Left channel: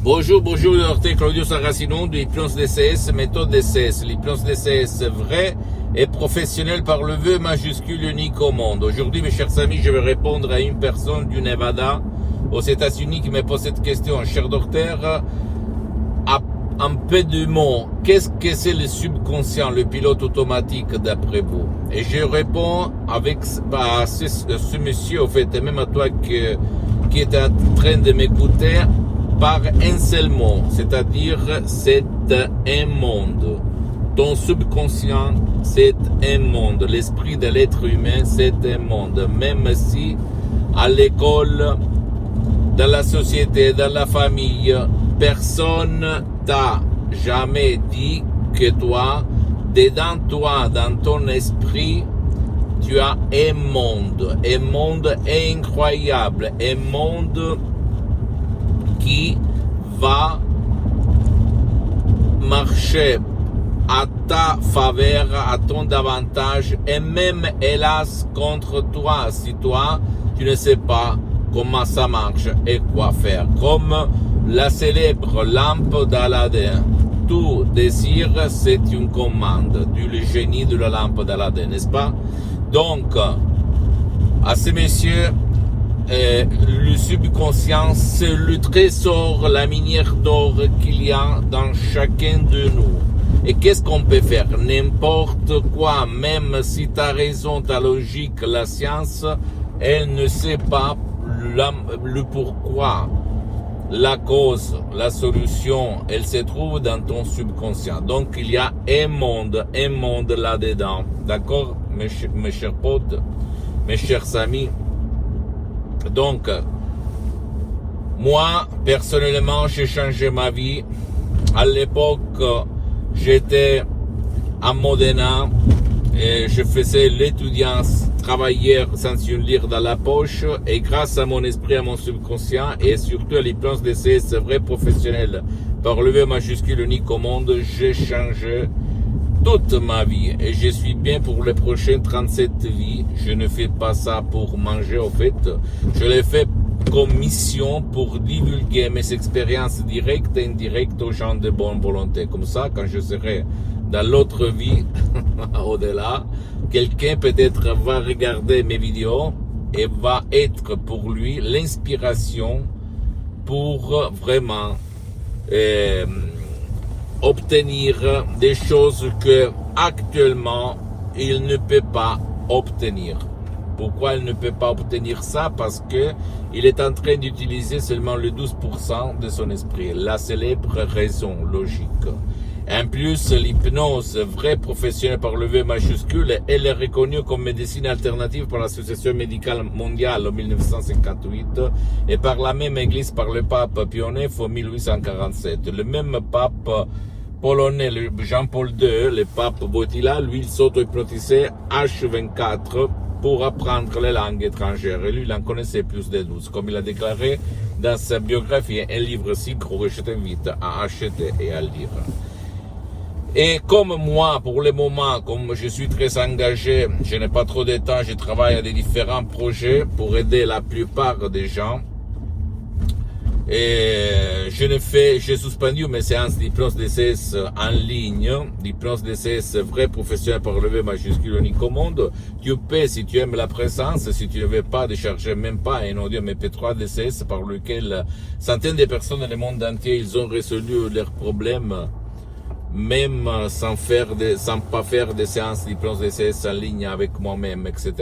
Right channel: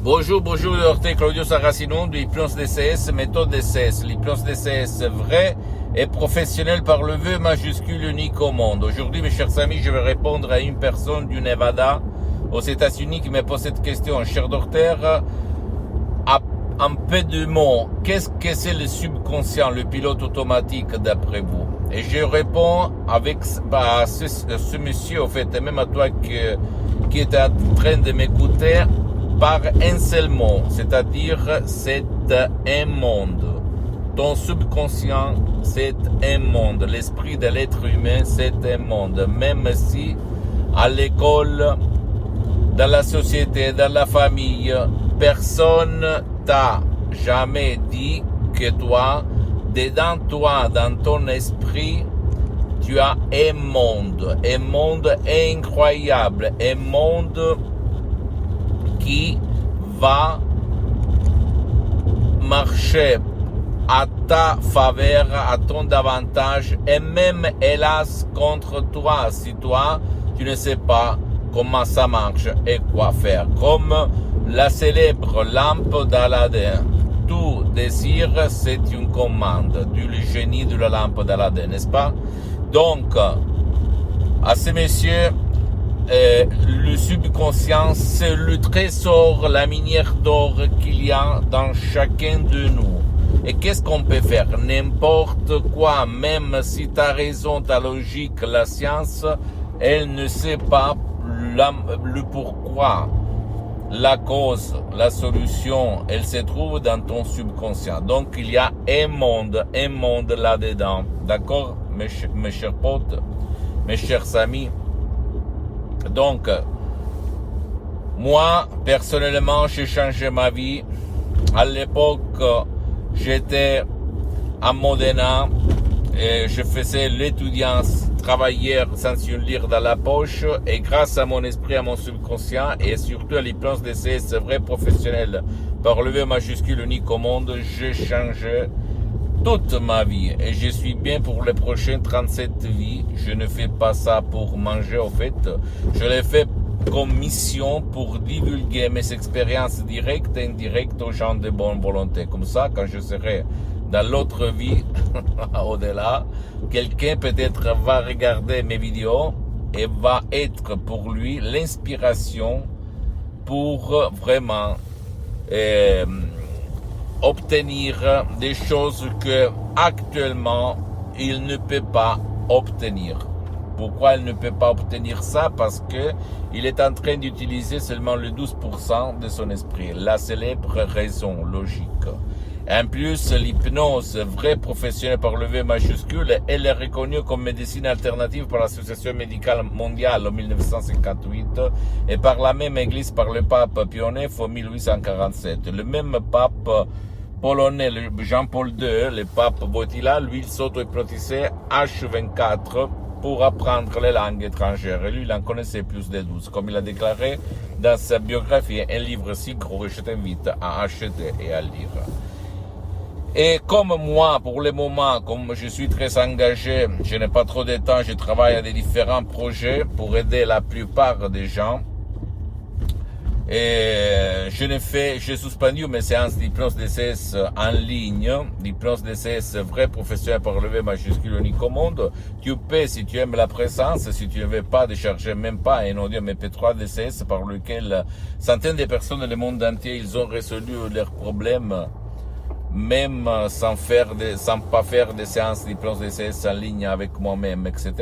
Bonjour, docteur Claudio Saracino de l'hypnose DCS, méthode DCS. L'hypnose DCS vraie et professionnelle par le vœu majuscule unique au monde. Aujourd'hui, mes chers amis, je vais répondre à une personne du Nevada, aux États-Unis, qui me pose cette question. Cher docteur, en peu de mots, qu'est-ce que c'est le subconscient, le pilote automatique d'après vous? Et je réponds avec ce monsieur, au fait, et même à toi qui est en train de m'écouter, par un seul mot, c'est-à-dire c'est un monde. Ton subconscient, c'est un monde. L'esprit de l'être humain, c'est un monde. Même si à l'école, dans la société, dans la famille, personne t'a jamais dit que toi, dans ton esprit, tu as un monde incroyable, un monde qui va marcher à ta faveur, à ton avantage, et même hélas contre toi, si toi, tu ne sais pas comment ça marche et quoi faire. Comme la célèbre lampe d'Aladin. Tout désir, c'est une commande du génie de la lampe d'Aladin, n'est-ce pas? Donc, à ces messieurs, le subconscient, c'est le trésor, la minière d'or qu'il y a dans chacun de nous. Et qu'est-ce qu'on peut faire? N'importe quoi, même si tu as raison, ta logique, la science, elle ne sait pas le pourquoi, la cause, la solution, elle se trouve dans ton subconscient. Donc il y a un monde là-dedans. D'accord, mes chers potes, mes chers amis? Donc, moi, personnellement, j'ai changé ma vie. À l'époque, j'étais à Modena et je faisais l'étudiant travailleur sans une lire dans la poche. Et grâce à mon esprit, à mon subconscient et surtout à l'hypnose DCS vrai professionnel par le V majuscule unique au monde, j'ai changé toute ma vie et je suis bien pour les prochaines 37 vies. Je ne fais pas ça pour manger, au fait. Je l'ai fait comme mission pour divulguer mes expériences directes et indirectes aux gens de bonne volonté. Comme ça, quand je serai dans l'autre vie, au-delà, quelqu'un peut-être va regarder mes vidéos et va être pour lui l'inspiration pour vraiment obtenir des choses que actuellement il ne peut pas obtenir. Pourquoi il ne peut pas obtenir ça? Parce que il est en train d'utiliser seulement le 12% de son esprit, la célèbre raison logique. En plus, l'hypnose vraie professionnelle par le V majuscule, elle est reconnue comme médecine alternative par l'Association médicale mondiale en 1958 et par la même église par le pape Pie IX en 1847. Le même pape polonais, Jean-Paul II, le pape Wojtyła, lui, il s'auto-hypnotisait H24 pour apprendre les langues étrangères. Et lui, il en connaissait plus de 12, comme il a déclaré dans sa biographie, un livre si gros que je t'invite à acheter et à lire. Et comme moi, pour le moment, comme je suis très engagé, je n'ai pas trop de temps, je travaille à des différents projets pour aider la plupart des gens. Et j'ai suspendu mes séances d'hypnose DCS en ligne, d'hypnose DCS vrai professionnel par le V majuscule unique au monde. Tu peux, si tu aimes la présence, si tu ne veux pas décharger même pas un audio MP3 DCS par lequel centaines de personnes dans le monde entier, ils ont résolu leurs problèmes, même sans pas faire des séances d'hypnose DCS en ligne avec moi-même, etc.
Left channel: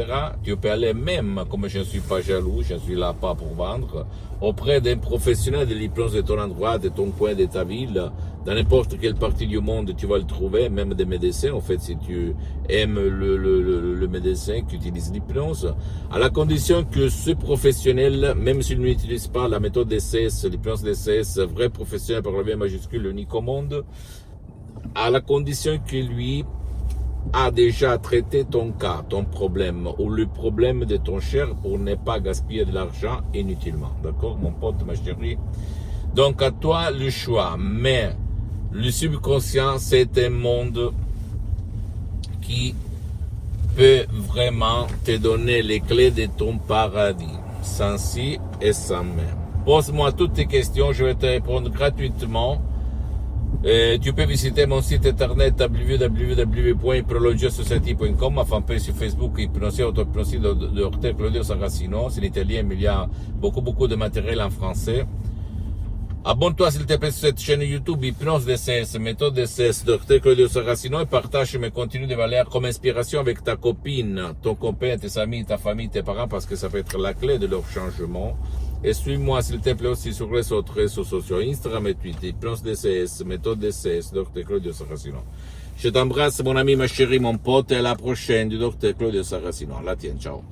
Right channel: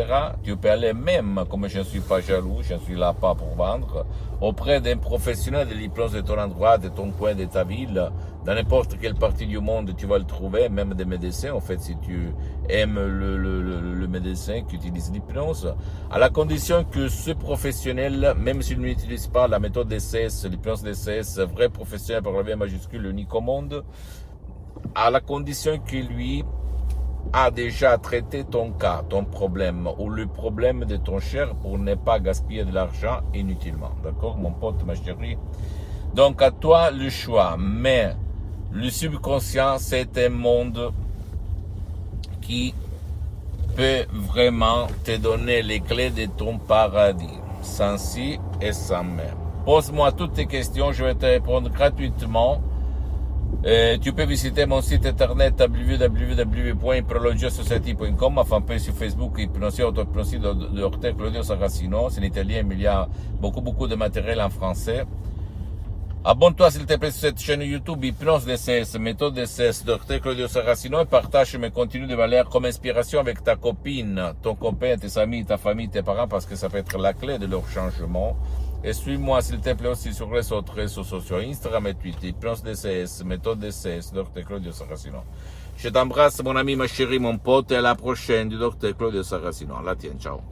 Tu peux aller même, comme je ne suis pas jaloux, je ne suis là pas pour vendre, auprès d'un professionnel de l'hypnose de ton endroit, de ton coin, de ta ville, dans n'importe quelle partie du monde, tu vas le trouver, même des médecins, en fait, si tu aimes le médecin qui utilise l'hypnose, à la condition que ce professionnel, même s'il n'utilise pas la méthode DCS, l'hypnose DCS, vrai professionnel par le V majuscule unique au monde, à la condition que lui a déjà traité ton cas, ton problème, ou le problème de ton cher pour ne pas gaspiller de l'argent inutilement. D'accord, mon pote, ma chérie? Donc, à toi le choix. Mais le subconscient, c'est un monde qui peut vraiment te donner les clés de ton paradis, sans si et sans même. Pose-moi toutes tes questions, je vais te répondre gratuitement. Tu peux visiter mon site internet www.hypnologiasociety.com, ma fanpage sur Facebook, Hypnosie Autopnosie de Dr Claudio Saracino. C'est en italien, mais il y a beaucoup de matériel en français. Abonne-toi s'il te plaît sur cette chaîne YouTube Hypnose DCS, méthode DCS, Dr Claudio Saracino, et partage mes contenus de valeur comme inspiration avec ta copine, ton copain, tes amis, ta famille, tes parents, parce que ça peut être la clé de leur changement. Et suis-moi s'il te plaît aussi sur les autres réseaux sociaux, Instagram et Twitter, Hypnose DCS, méthode DCS, Dr Claudio Saracino. Je t'embrasse mon ami, ma chérie, mon pote, et à la prochaine du Dr Claudio Saracino. La tienne, ciao.